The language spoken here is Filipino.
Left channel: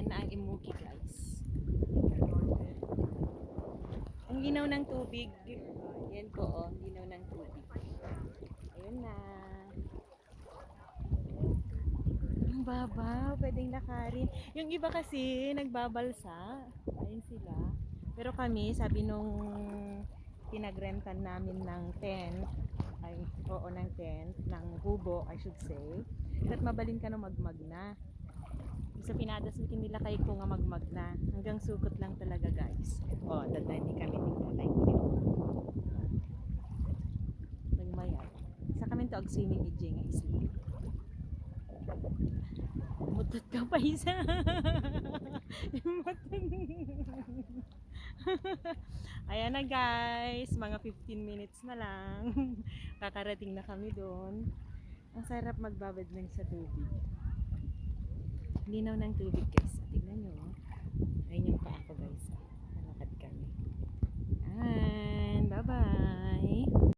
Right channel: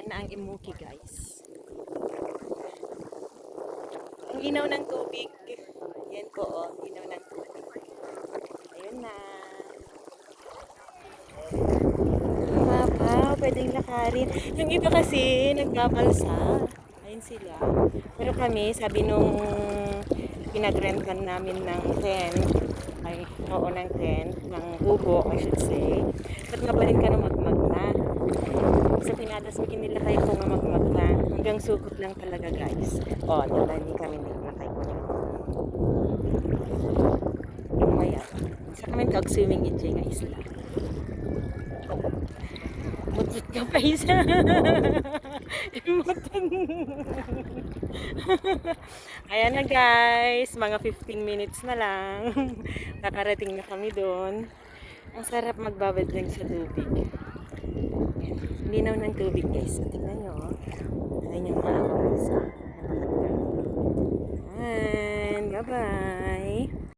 Ayan na ang Imuki guys. Ang linaw ng tubig. Yan po oh, linaw ng tubig. Ayun na. Wow, pwedeng lakarin. Yung iba kasi nagbabalsa. Ayun sila. Pero kami, sabi nung pinag-rentan namin ng tent, ay, oo, ng tent, ng kubo, I should say, ba't nga ba rin ka na magmag na? So, pinadasmikin nila kayo kung nga magmag na. Hanggang sugot lang talaga, guys. O, dala din kami nagpakay niya. Yung maya. Sa kami tag-swimming in nga isla. Mutot ka pa isa. Imutan. Ayan na guys, mga 15 minutes na lang. Nakarating na kami doon. Ang sarap magbabad lang sa tubig. Linaw ng tubig guys. Tingnan nyo. Ayun yung mga isa. And bye-bye.